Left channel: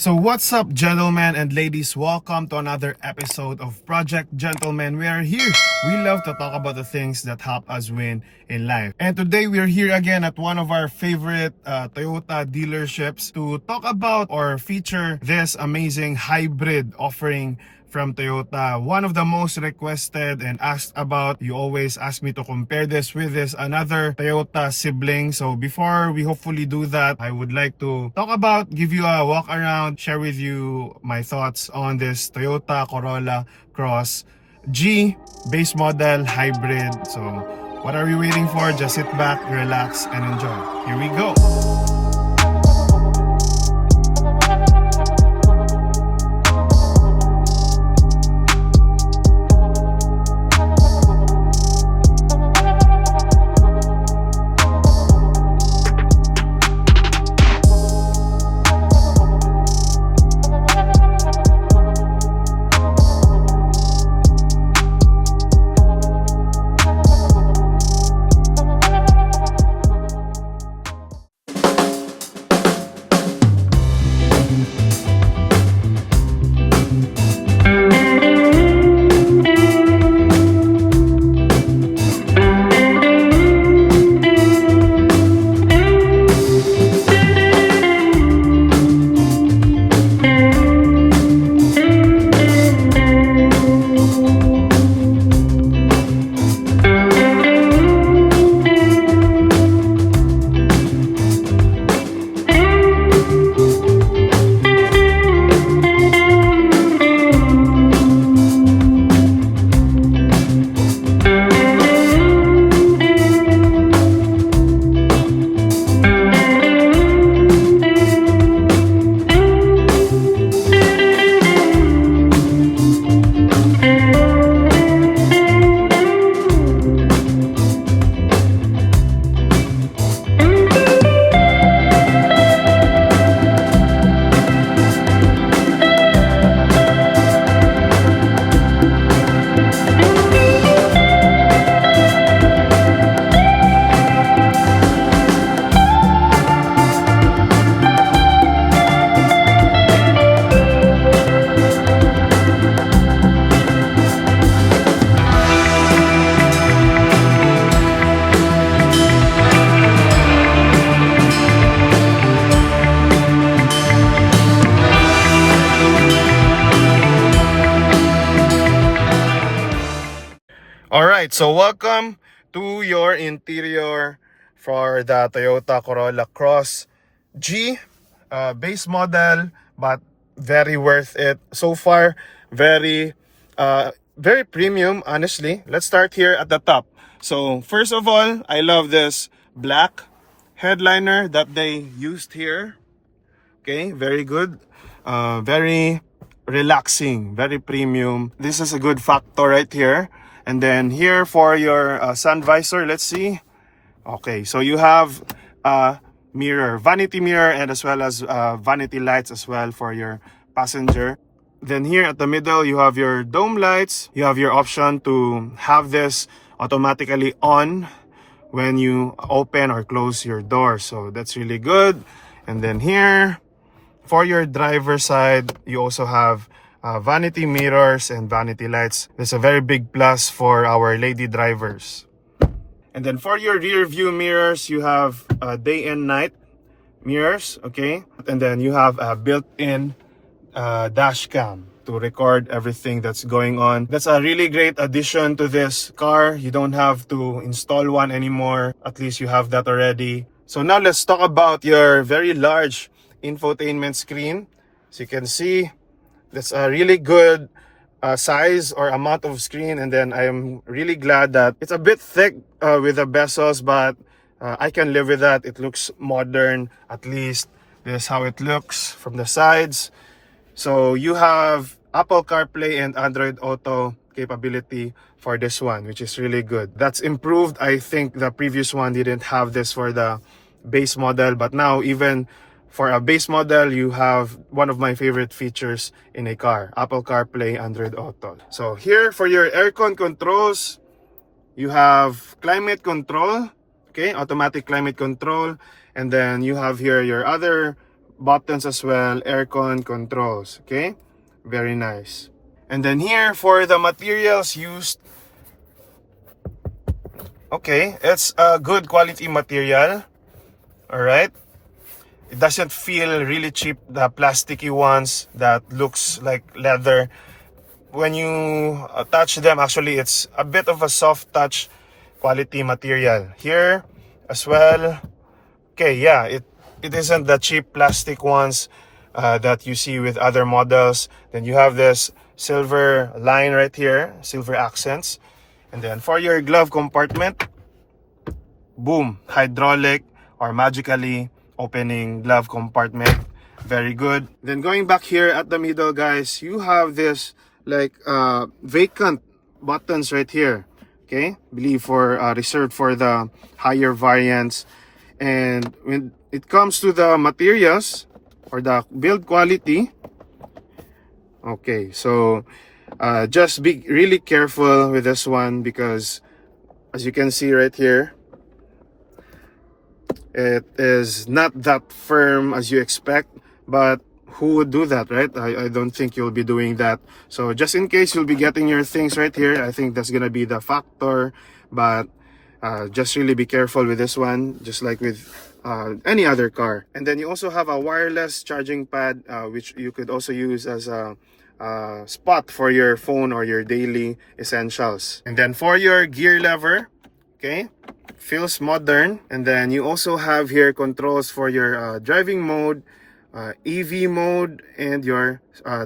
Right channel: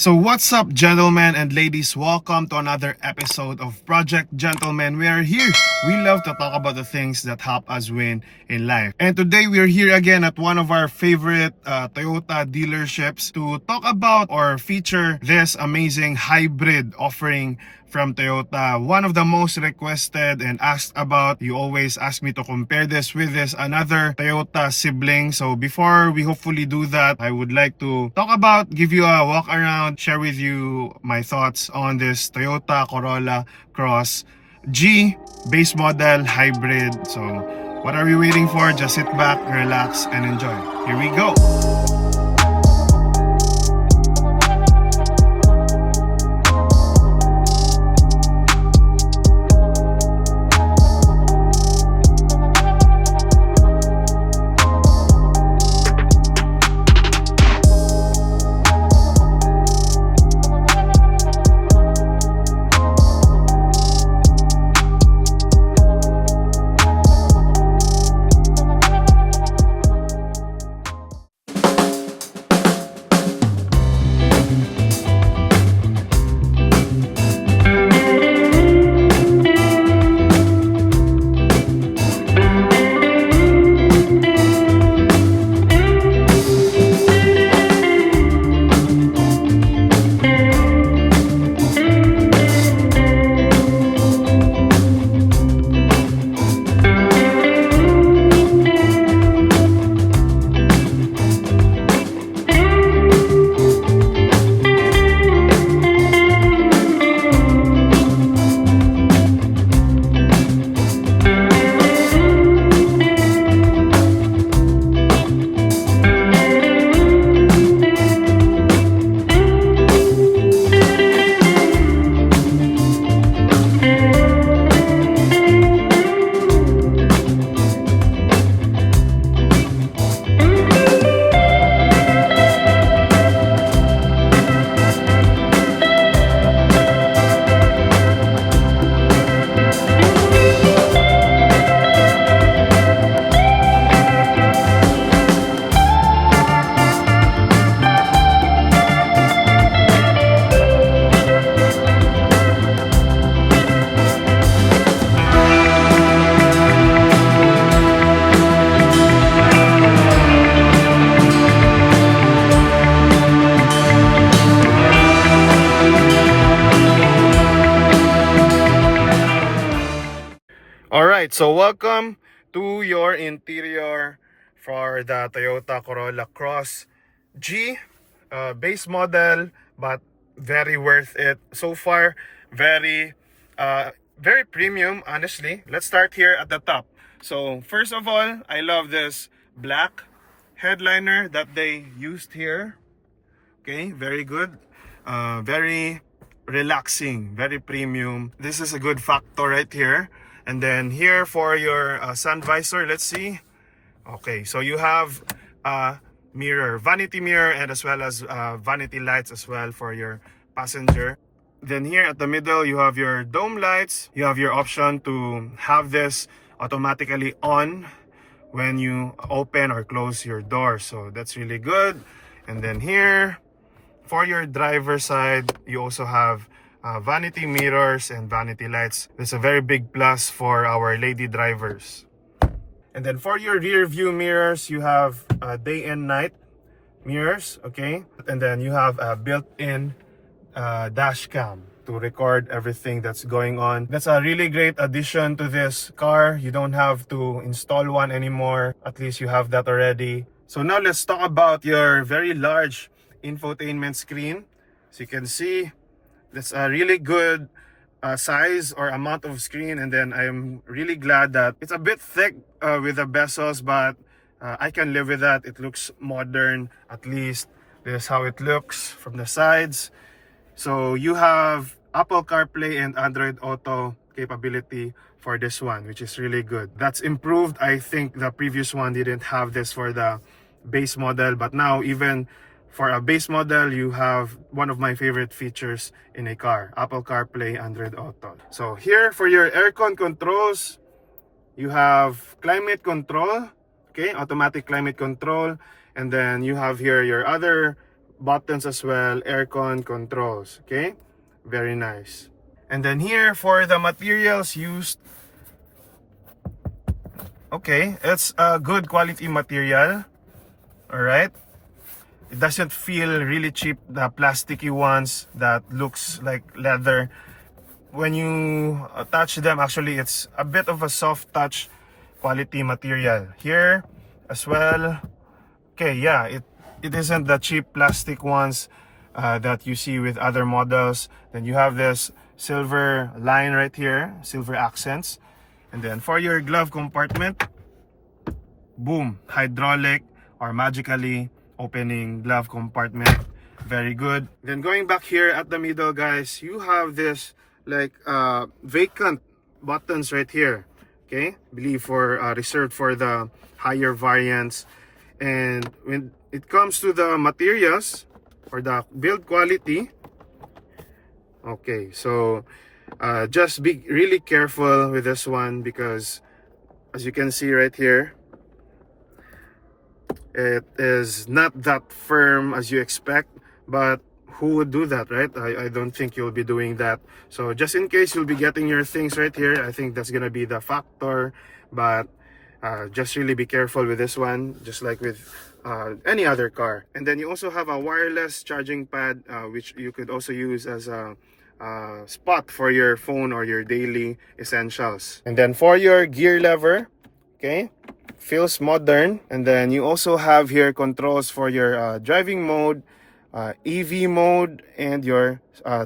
So what's up, gentlemen and ladies? Welcome to another episode of Project Gentlemen. We are here. We love to talk about the things that help us win in life. And today we are here again at one of our favorite Toyota dealerships to talk about or feature this amazing hybrid offering from Toyota. One of the most requested and asked about. You always ask me to compare this with this another Toyota sibling. So before we hopefully do that, I would like to talk about, give you a walk around, share with you my thoughts on this Toyota Corolla Cross G base model hybrid. So what are we waiting for? Just sit back, relax, and enjoy. Here we go. Alright, so welcome to your interior for the Toyota Corolla Cross G base model, but very worth it so far. Very premium, honestly. Let's start here at the top. So first of all, I love this black headliner that they used here. Okay, very good. Very relaxing, very premium. This is a good factor right here. And then here for your sun visor, let's see. Okay, so you have mirror, vanity mirror, and as well as vanity lights as well for your passenger. Then here at the middle, you have your dome lights. You have your option to have this automatically on when you open or close your door. So that's really good. And then here, for your driver side, you also have vanity mirrors and vanity lights. That's a very big plus for our lady drivers. And then for your rear view mirrors, you have day and night mirrors, okay? And then you have a built-in dash cam to record everything that's going on. That's a really great addition to this car. You don't have to install one anymore. At least you have that already. So now let's talk about your very large infotainment screen. So you can see that's a really good size or amount of screen, and then I am really glad that it's a bit thick with the bezels, but I can live with that. It looks modern. At least this is how it looks from the sides. So you have Apple CarPlay and Android Auto capability for this one, which is really good. That's improved. I think the previous one didn't have this for the base model, but now even for a base model, you have one of my favorite features in a car, Apple CarPlay, Android Auto. So here for your aircon controls, you have climate control, okay, automatic climate control, and then you have here your other buttons as well, aircon controls. Okay, very nice. And then here for the materials used, okay, it's a good quality material. All right, it doesn't feel really cheap, the plasticky ones that looks like leather. When you touch them, actually it's a bit of a soft touch quality material here as well. Okay, yeah, it isn't the cheap plastic ones that you see with other models. Then you have this silver line right here, silver accents. And then for your glove compartment, boom, hydraulic or magically opening glove compartment. Very good. Then going back here at the middle, guys, you have this like vacant buttons right here. Okay, believe for reserved for the higher variants. And when it comes to the materials or the build quality, okay, so just be really careful with this one, because as you can see right here, it is not that firm as you expect. But who would do that, right? I don't think you'll be doing that. So just in case you'll be getting your things right here, I think that's gonna be the factor. But just really be careful with this one, just like with any other car. And then you also have a wireless charging pad, which you could also use as a spot for your phone or your daily essentials. And then for your gear lever, okay, feels modern. And then you also have here controls for your driving mode, EV mode, and your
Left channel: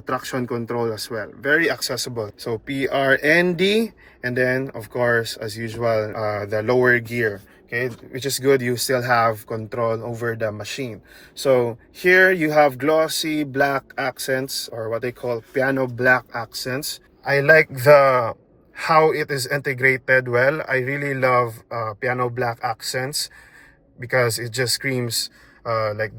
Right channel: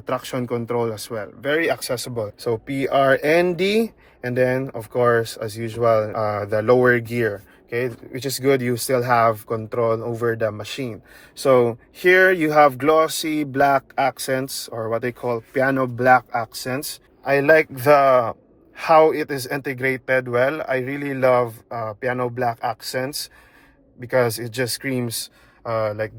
traction control as well. Very accessible. So PRND, and then of course as usual the lower gear, okay, which is good. You still have control over the machine. So here you have glossy black accents, or what they call piano black accents. I like the how it is integrated well. I really love piano black accents, because it just screams like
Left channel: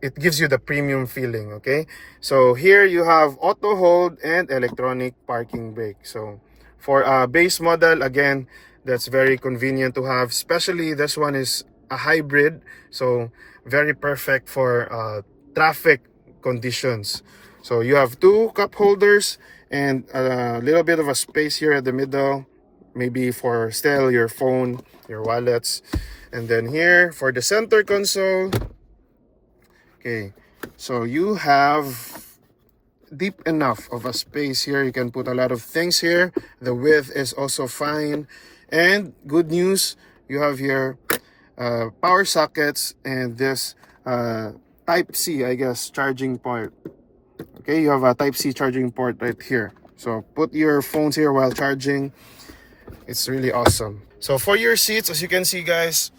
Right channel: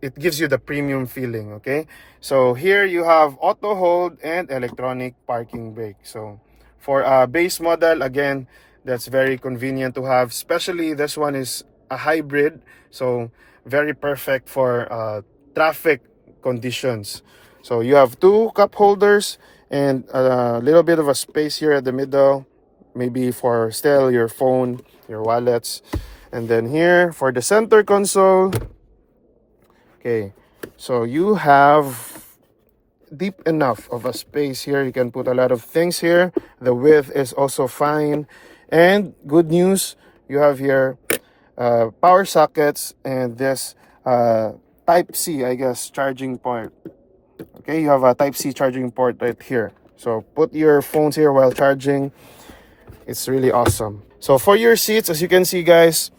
it gives you the premium feeling. Okay, so here you have auto hold and electronic parking brake. So for a base model, again, that's very convenient to have, especially this one is a hybrid, so very perfect for traffic conditions. So you have two cup holders and a little bit of a space here at the middle, maybe for still your phone, your wallets. And then here for the center console, okay, so you have deep enough of a space here. You can put a lot of things here. The width is also fine. And good news, you have here power sockets and this type C, I guess, charging port. Okay, you have a type C charging port right here. So put your phones here while charging. It's really awesome. So for your seats, as you can see, guys,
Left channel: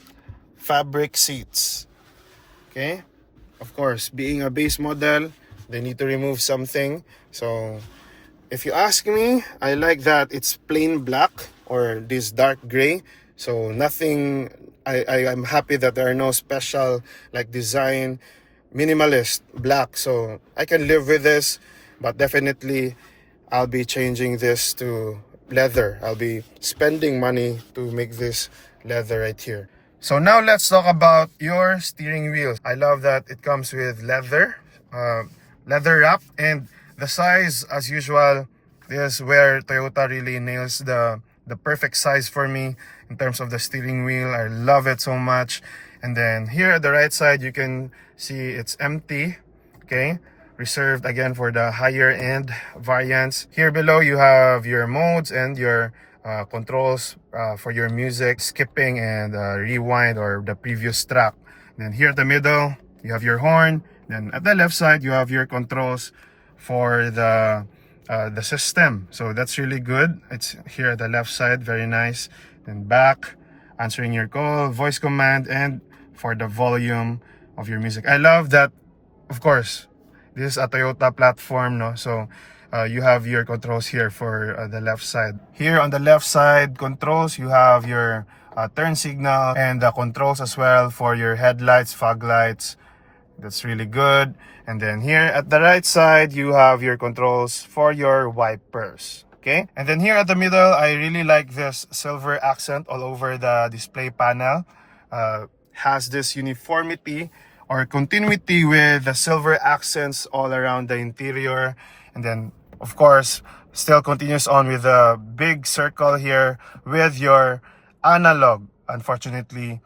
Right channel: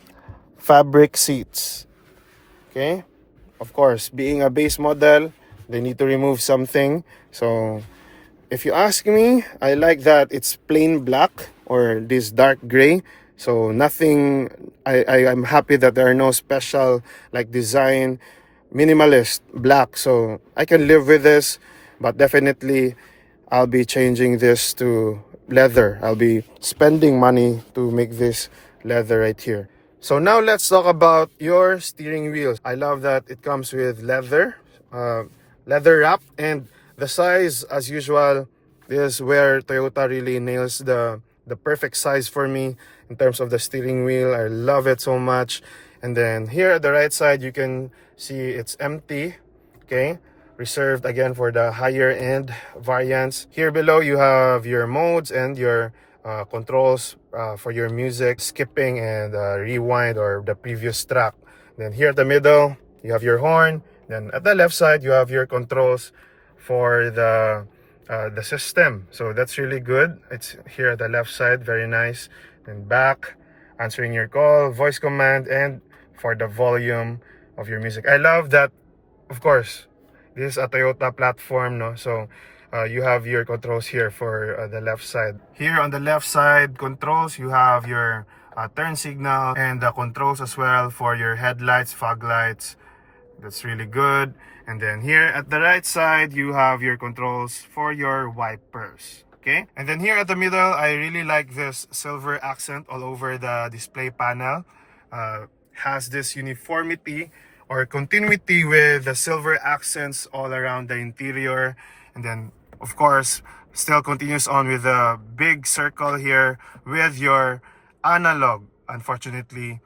fabric seats. Okay, of course, being a base model, they need to remove something. So if you ask me, I like that it's plain black or this dark gray. So nothing, I'm happy that there are no special like design, minimalist black. So I can live with this, but definitely I'll be changing this to leather. I'll be spending money to make this leather right here. So now let's talk about your steering wheel. I love that it comes with leather wrap, and the size, as usual, is where Toyota really nails the perfect size for me in terms of the steering wheel. I love it so much. And then here at the right side, you can see it's empty. Okay, reserved again for the higher end variants. Here below, you have your modes and your controls for your music, skipping and rewind or the previous track. Then here at the middle, you have your horn. Then at the left side, you have your controls for the system. So that's really good. It's here at the left side, very nice. Then back, answering your call, voice command, and for the volume of your music. I love that, of course, this is a Toyota platform, no? So you have your controls here for the left side. Here on the left side controls, you have your turn signal and the controls as well for your headlights, fog lights. That's really good. And then here at the right side, you have your controls for your wipers. Okay, and then here at the middle, I really like this silver accent all over the display panel. Has this uniformity or continuity with the silver accents all around the interior. And then, of course, still continues on with the big circle here with your analog. Unfortunately,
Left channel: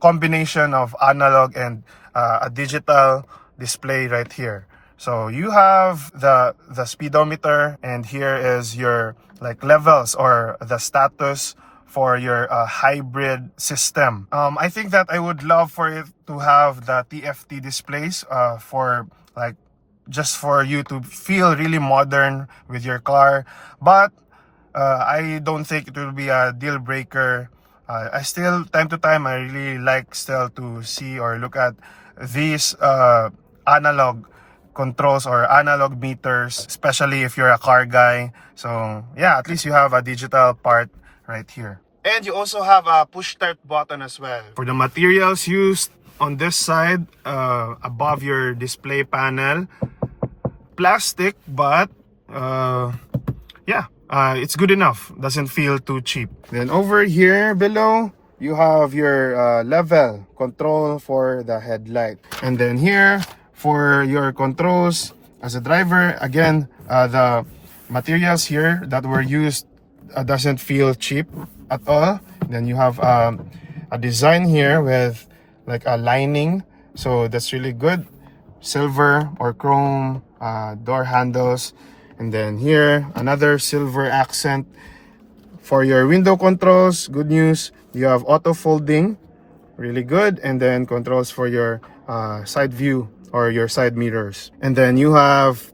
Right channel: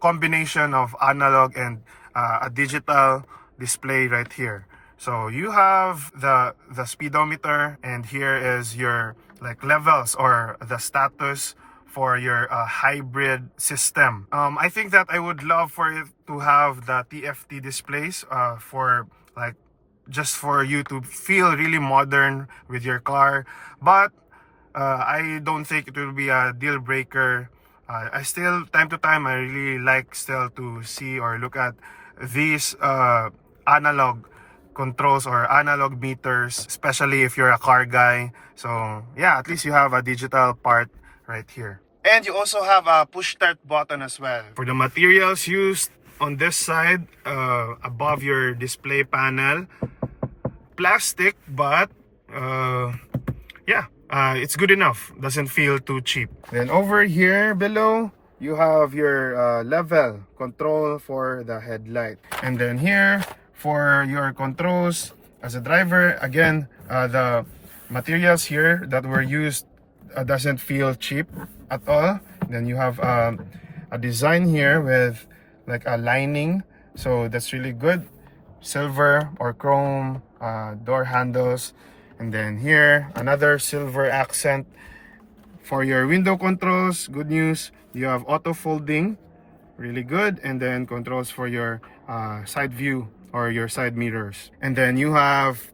combination of analog and a digital display right here. So you have the speedometer, and here is your like levels or the status for your hybrid system. I think that I would love for it to have the TFT displays for like just for you to feel really modern with your car, but I don't think it will be a deal breaker. I still, time to time, I really like still to see or look at these analog controls or analog meters, especially if you're a car guy. So yeah, at least you have a digital part right here. And you also have a push start button as well. For the materials used on this side, above your display panel, plastic, but yeah, it's good enough. Doesn't feel too cheap. Then over here below, you have your level control for the headlight. And then here, for your controls as a driver, again, the materials here that were used doesn't feel cheap at all. Then you have a design here with like a lining, so that's really good. Silver or chrome door handles, and then here another silver accent. For your window controls, good news, you have auto folding, really good. And then controls for your side view or your side mirrors. And then you have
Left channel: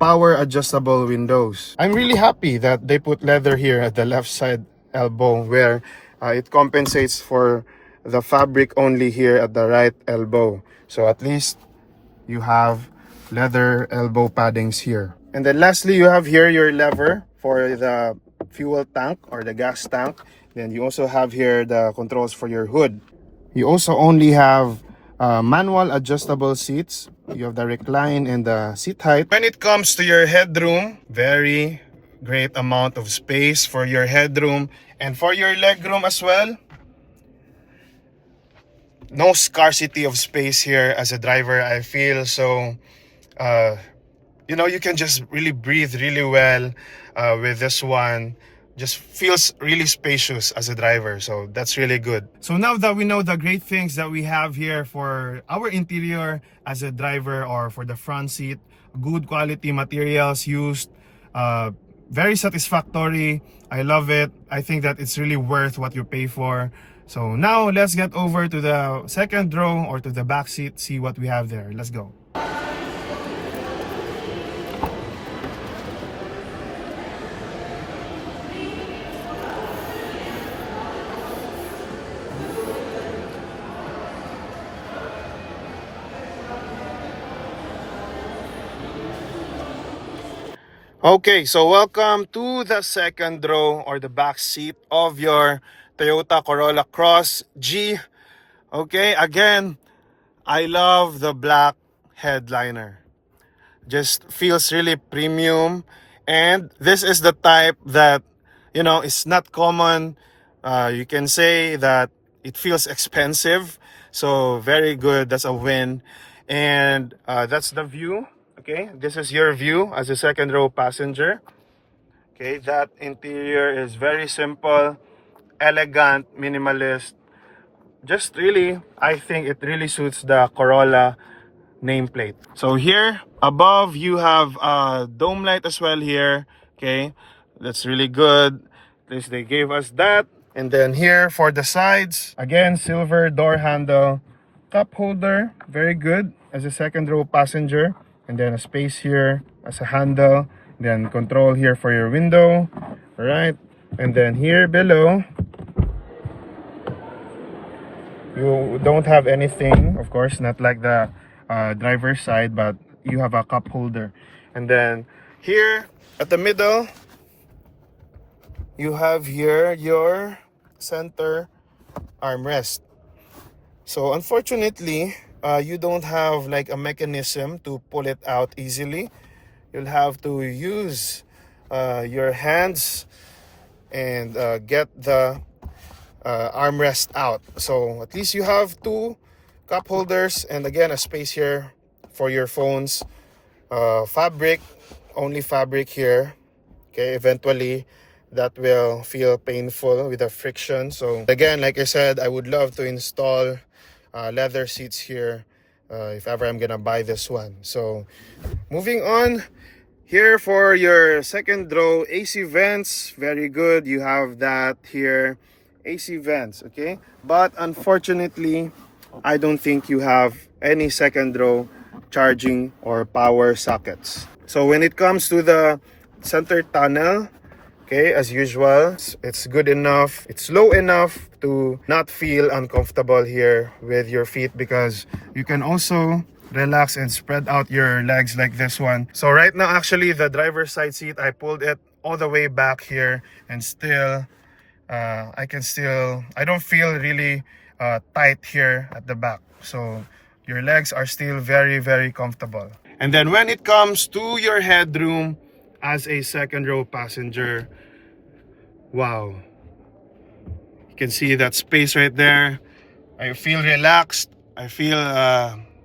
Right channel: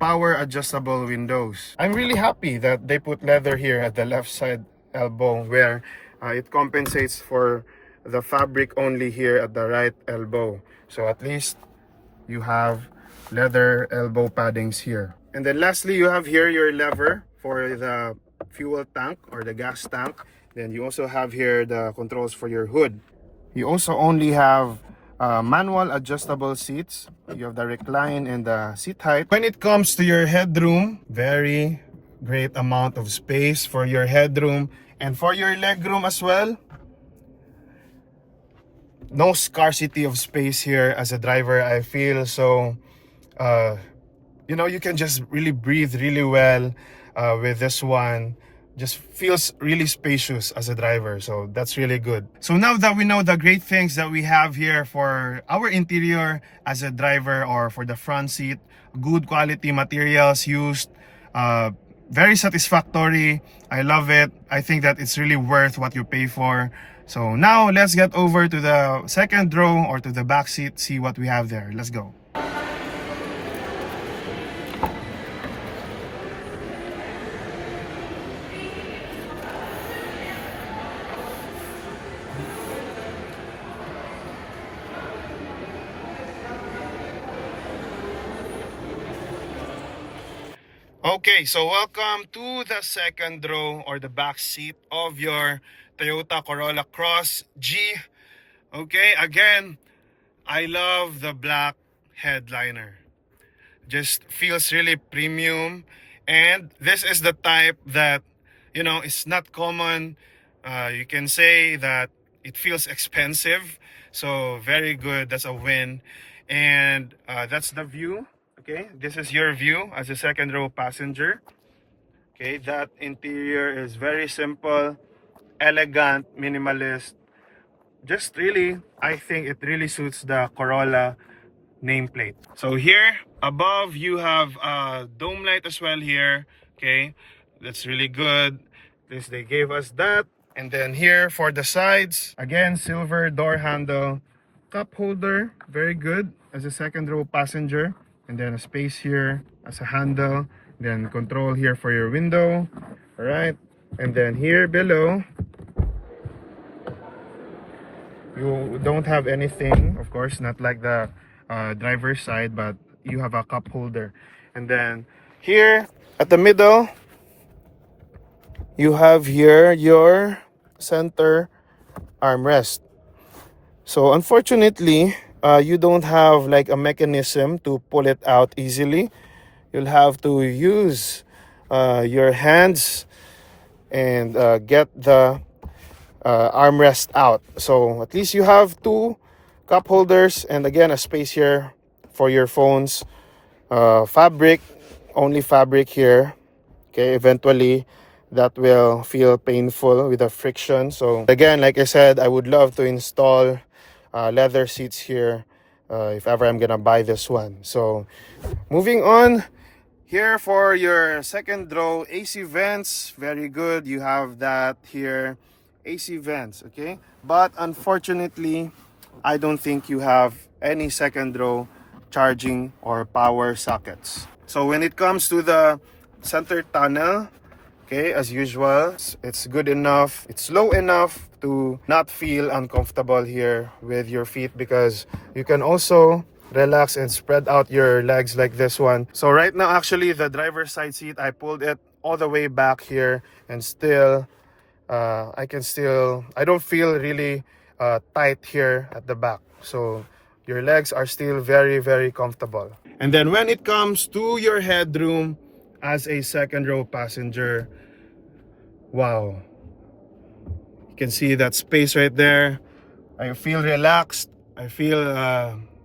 power adjustable windows. I'm really happy that they put leather here at the left side elbow, where it compensates for the fabric only here at the right elbow. So at least you have leather elbow paddings here. And then lastly, you have here your lever for the fuel tank or the gas tank. Then you also have here the controls for your hood. You also only have manual adjustable seats. You have the recline and the seat height. When it comes to your headroom, very great amount of space for your headroom and for your legroom as well. No scarcity of space here as a driver, I feel. So you can just really breathe really well with this one. Just feels really spacious as a driver, so that's really good. So now that we know the great things that we have here for our interior as a driver, or for the front seat, good quality materials used, very satisfactory. I love it. I think that it's really worth what you pay for. So now let's get over to the second row or to the back seat, see what we have there. Let's go. Okay, so welcome to the second row or the back seat of your Toyota Corolla Cross G. Okay, again, I love the black headliner. Just feels really premium, and this is the type that it's not common. You can say that it feels expensive, so very good. That's a win. And that's the view. Okay, this is your view as a second row passenger. Okay, that interior is very simple, elegant, minimalist. Just really, I think it really suits the Corolla nameplate. So here above you have a dome light as well here. Okay, that's really good. At least they gave us that. And then here for the sides, again, silver door handle, cup holder, very good as a second row passenger. And then a space here as a handle, then control here for your window, right? And then here below, you don't have anything, of course, not like the driver's side, but you have a cup holder. And then here at the middle, you have here your center armrest. So unfortunately, you don't have like a mechanism to pull it out easily. You'll have to use your hands and get the armrest out. So at least you have two cup holders, and again a space here for your phones. Fabric, only fabric here. Okay, eventually that will feel painful with the friction. So again, like I said, I would love to install leather seats here if ever I'm gonna buy this one. So moving on, here for your second row, AC vents, very good. You have that here, AC vents, okay? But unfortunately, I don't think you have any second row charging or power sockets. So when it comes to the center tunnel, okay, as usual, it's good enough. It's low enough to not feel uncomfortable here with your feet, because you can also relax and spread out your legs like this one. So right now, actually, the driver's side seat, I pulled it all the way back here, and still, I don't feel really tight here at the back. So your legs are still very, very comfortable. And then when it comes to your headroom as a second row passenger, wow, you can see that space right there. I feel relaxed. I feel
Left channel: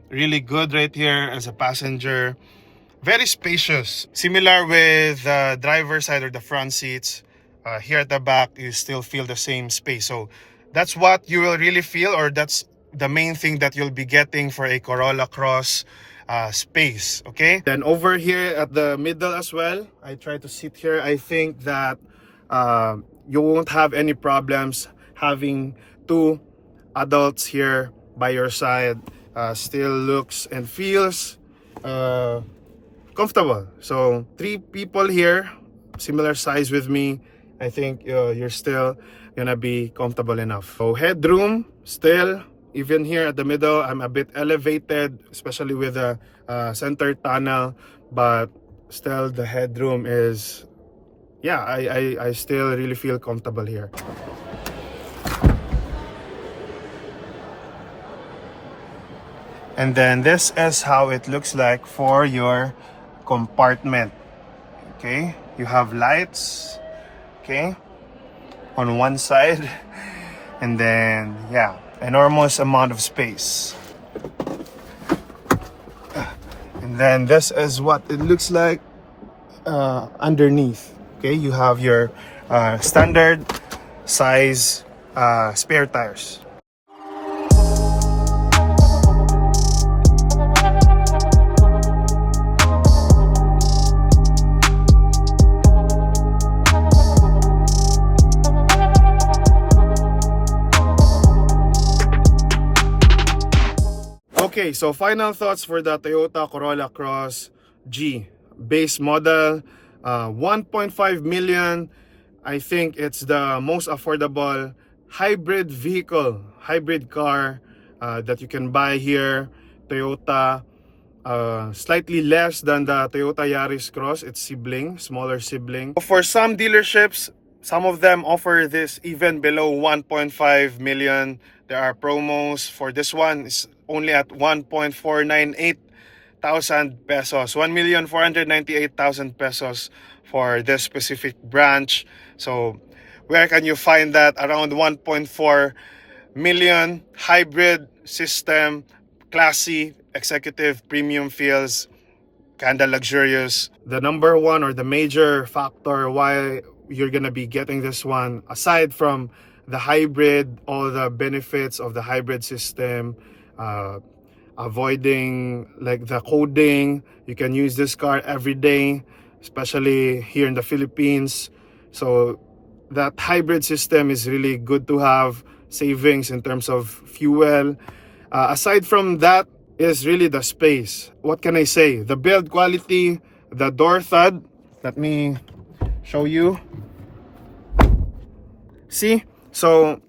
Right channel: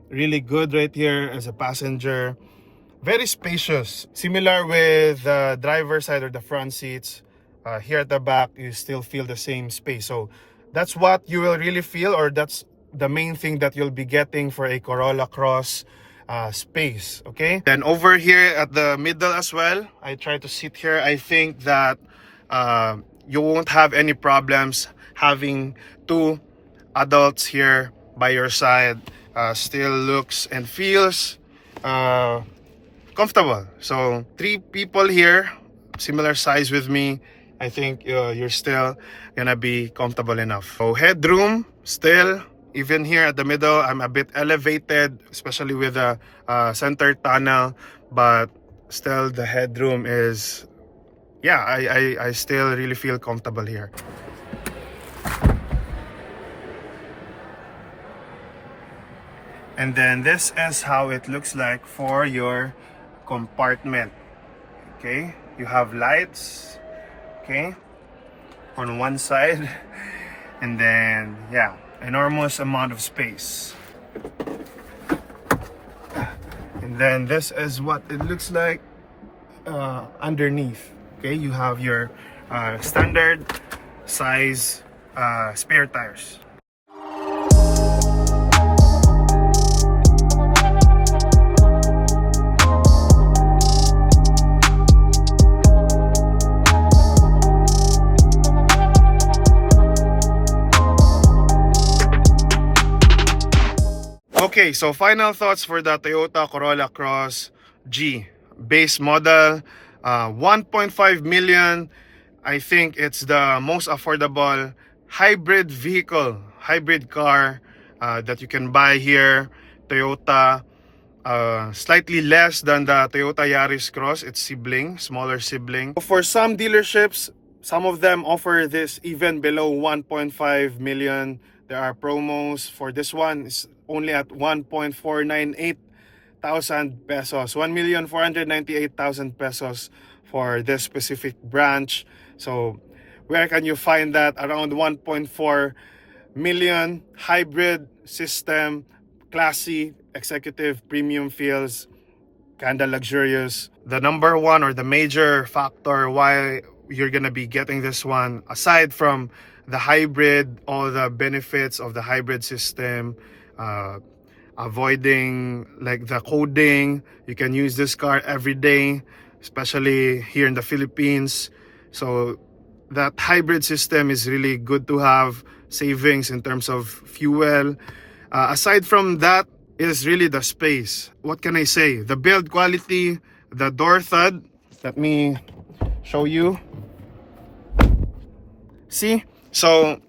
really good right here as a passenger. Very spacious. Similar with the driver's side or the front seats. Here at the back, you still feel the same space. So that's what you will really feel, or that's the main thing that you'll be getting for a Corolla Cross space. Okay. Then over here at the middle as well, I try to sit here. I think that you won't have any problems having two adults here by your side. Still looks and feels comfortable. So 3 people here, similar size with me, I think you're still gonna be comfortable enough. So headroom, still, even here at the middle, I'm a bit elevated, especially with the center tunnel, but still the headroom is, yeah, I still really feel comfortable here. And then this is how it looks like for your compartment. Okay, you have lights, okay, on one side, and then, yeah, enormous amount of space. And then this is what it looks like underneath. Okay, you have your standard size spare tires. Okay, so final thoughts for the Toyota Corolla Cross G base model, 1.5 million. I think it's the most affordable hybrid vehicle, hybrid car that you can buy here. Toyota, slightly less than the Toyota Yaris Cross, its sibling, smaller sibling. For some dealerships, some of them offer this even below 1.5 million. There are promos for this one. It's only at 1.498 thousand pesos, 1,498,000 pesos for this specific branch. So where can you find that? Around 1.4 million, hybrid system, classy, executive, premium feels, kinda luxurious. The number one or the major factor why you're gonna be getting this one, aside from the hybrid, all the benefits of the hybrid system, avoiding like the coding, you can use this car every day, especially here in the Philippines. So that hybrid system is really good to have, savings in terms of fuel. Aside from that is really the space. What can I say? The build quality, the door thud. Let me show you. See? So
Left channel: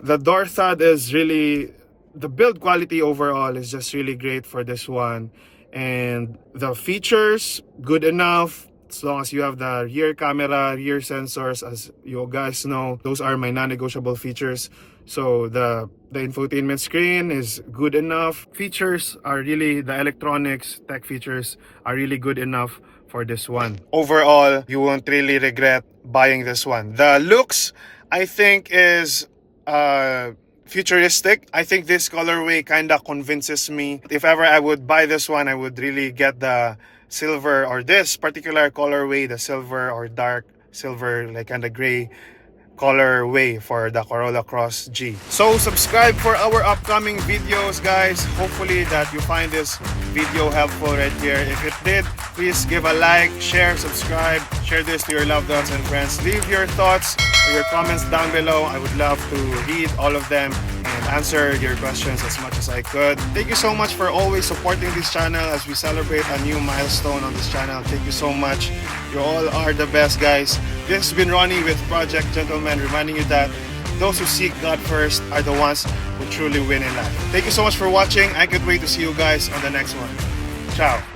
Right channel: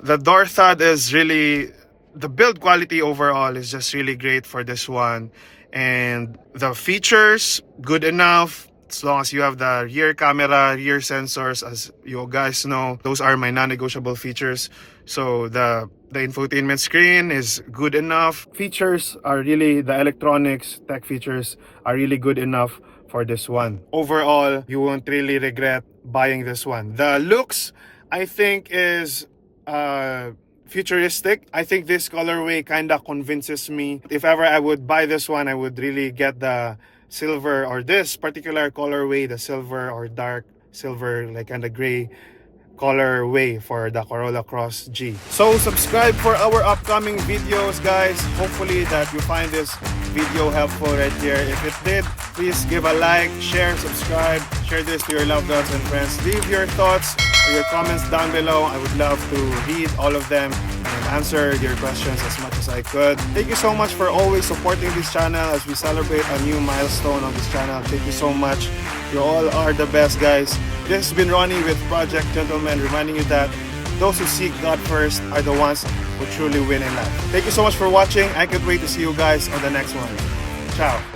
the door thud is really, the build quality overall is just really great for this one. And the features, good enough. As long as you have the rear camera, rear sensors, as you guys know, those are my non-negotiable features. So the infotainment screen is good enough. Features are really, the electronics, tech features are really good enough for this one. Overall, you won't really regret buying this one. The looks, I think, is futuristic. I think this colorway kind of convinces me. If ever I would buy this one, I would really get the silver, or this particular colorway, the silver or dark silver, like kind of gray colorway for the Corolla Cross G. So subscribe for our upcoming videos, guys. Hopefully that you find this video helpful right here. If it did, please give a like, share, subscribe, share this to your loved ones and friends. Leave your thoughts or your comments down below. I would love to read all of them and answer your questions as much as I could. Thank you so much for always supporting this channel as we celebrate a new milestone on this channel. Thank you so much. You all are the best, guys. This has been Ronnie with Project Gentleman, reminding you that those who seek God first are the ones who truly win in life. Thank you so much for watching. I can't wait to see you guys on the next one. Ciao.